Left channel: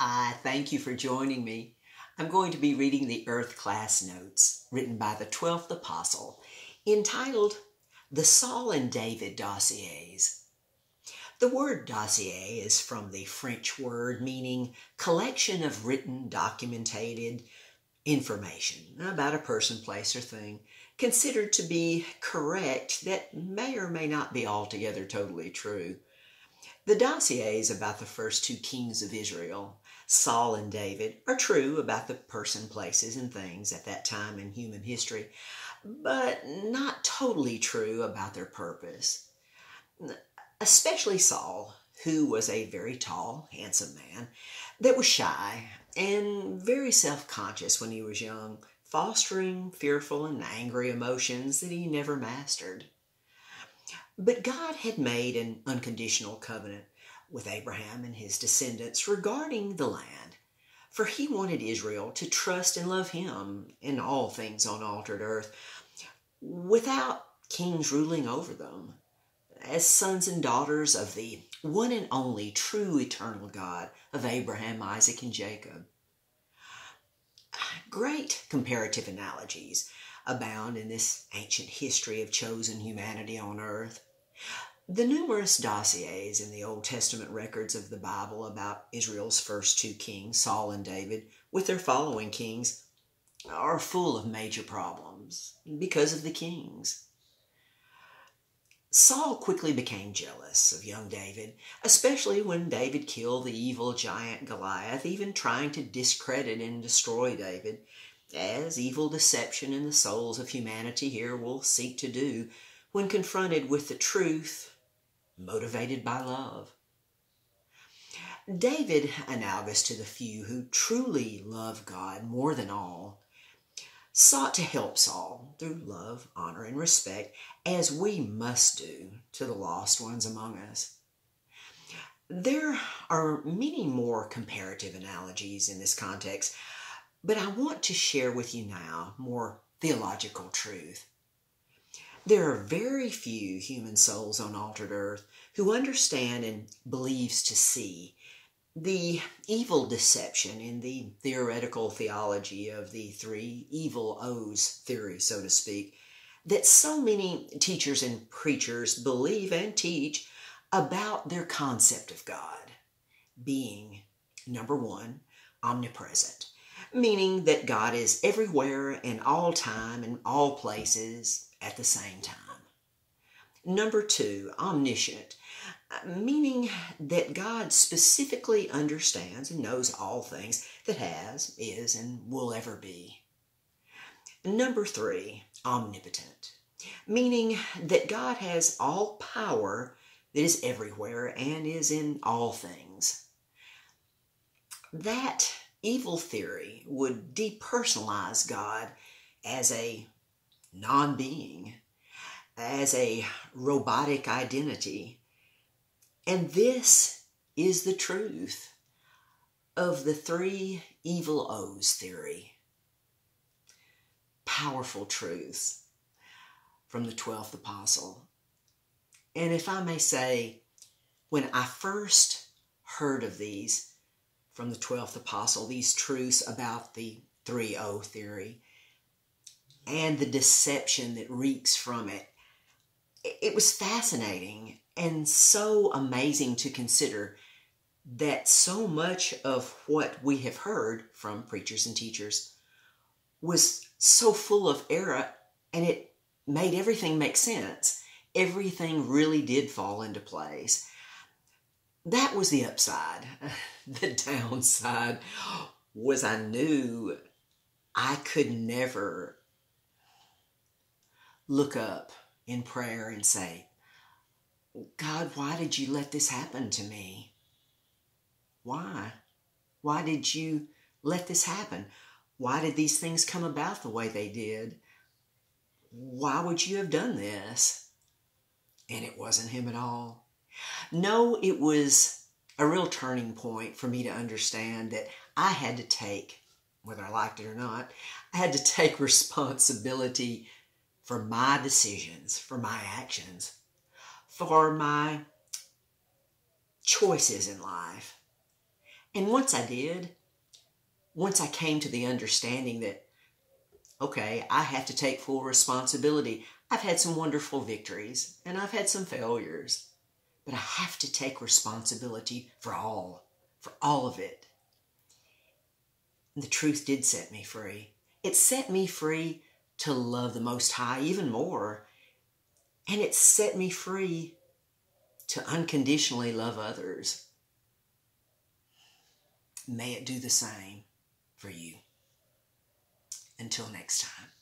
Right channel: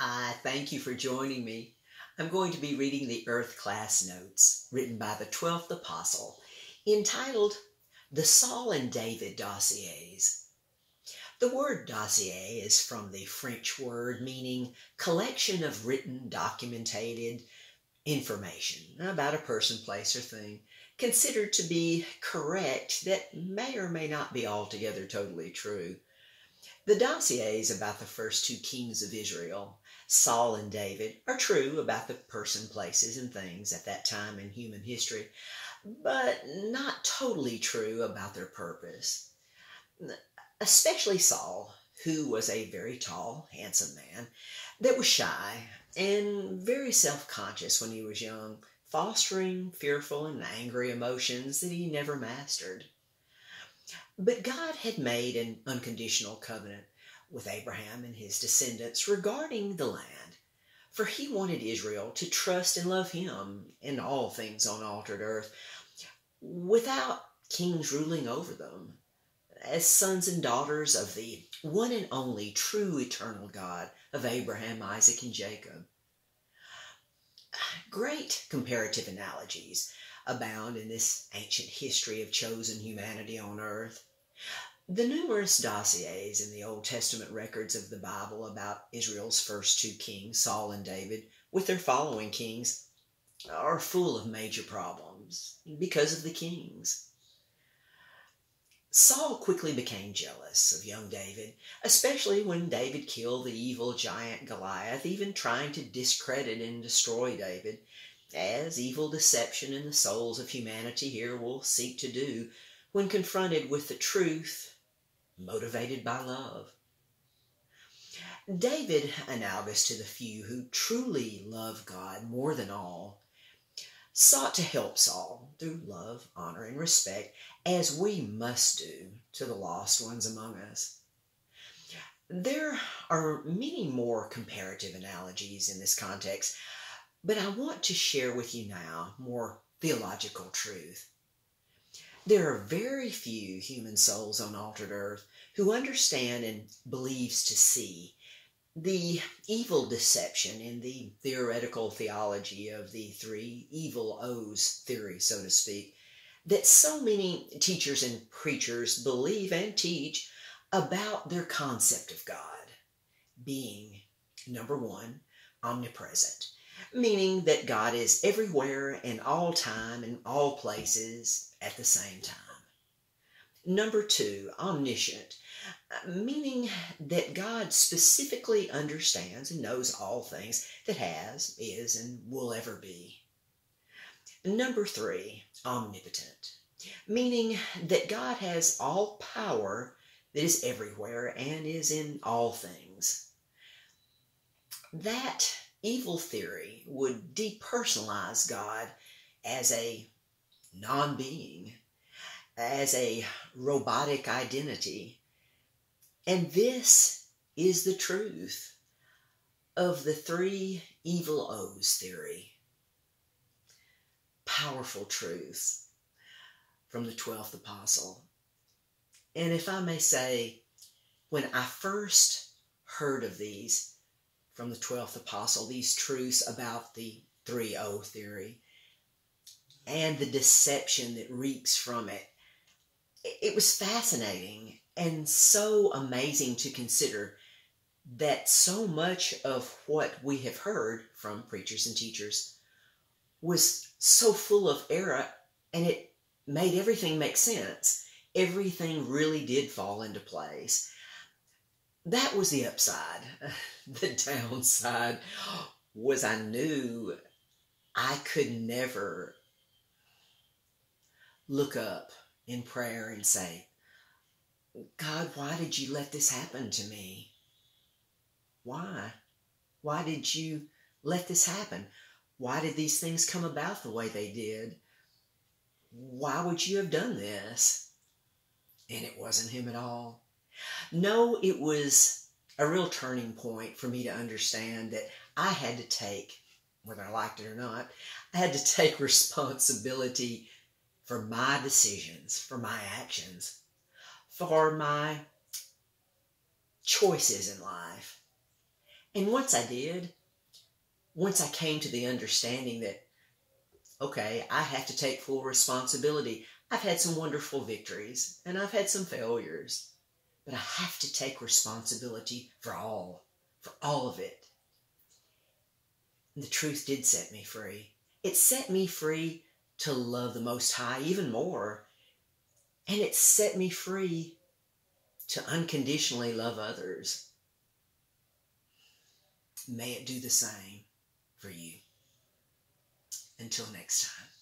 I thank you for joining me. I'm going to be reading the Earth Class Notes written by the 12th Apostle, entitled The Saul and David Dossiers. The word dossier is from the French word meaning collection of written, documented information about a person, place, or thing, considered to be correct that may or may not be altogether totally true. The dossiers about the first two kings of Israel, Saul and David, are true about the person, places, and things at that time in human history, but not totally true about their purpose. Especially Saul, who was a very tall, handsome man that was shy and very self-conscious when he was young, fostering fearful and angry emotions that he never mastered. But God had made an unconditional covenant with Abraham and his descendants regarding the land, for he wanted Israel to trust and love him in all things on altered earth, without kings ruling over them, as sons and daughters of the one and only true eternal God of Abraham, Isaac, and Jacob. Great comparative analogies abound in this ancient history of chosen humanity on earth. The numerous dossiers in the Old Testament records of the Bible about Israel's first two kings, Saul and David, with their following kings, are full of major problems because of the kings. Saul quickly became jealous of young David, especially when David killed the evil giant Goliath, even trying to discredit and destroy David, as evil deception in the souls of humanity here will seek to do when confronted with the truth, motivated by love. David, analogous to the few who truly love God more than all, sought to help Saul through love, honor, and respect, as we must do to the lost ones among us. There are many more comparative analogies in this context, but I want to share with you now more theological truth. There are very few human souls on altered earth who understand and believes to see the evil deception in the theoretical theology of the three evil O's theory, so to speak, that so many teachers and preachers believe and teach about their concept of God being, number one, omnipresent, meaning that God is everywhere and all time and all places at the same time. Number two, omniscient, meaning that God specifically understands and knows all things that has, is, and will ever be. Number three, omnipotent, meaning that God has all power that is everywhere and is in all things. That evil theory would depersonalize God as a non-being, as a robotic identity. And this is the truth of the three evil O's theory. Powerful truths from the 12th Apostle. And if I may say, when I first heard of these from the 12th Apostle, these truths about the 3O theory and the deception that reeks from it, it was fascinating and so amazing to consider that so much of what we have heard from preachers and teachers was so full of error, and it made everything make sense. Everything really did fall into place. That was the upside. The downside was I knew I could never look up in prayer and say, God, why did you let this happen to me? Why? Why did you let this happen? Why did these things come about the way they did? Why would you have done this? And it wasn't him at all. No, it was a real turning point for me to understand that I had to take, whether I liked it or not, I had to take responsibility for my decisions, for my actions, for my choices in life. And once I did, once I came to the understanding that, okay, I have to take full responsibility. I've had some wonderful victories and I've had some failures, but I have to take responsibility for all of it. And the truth did set me free. It set me free to love the Most High even more. And it set me free to unconditionally love others. May it do the same for you. Until next time.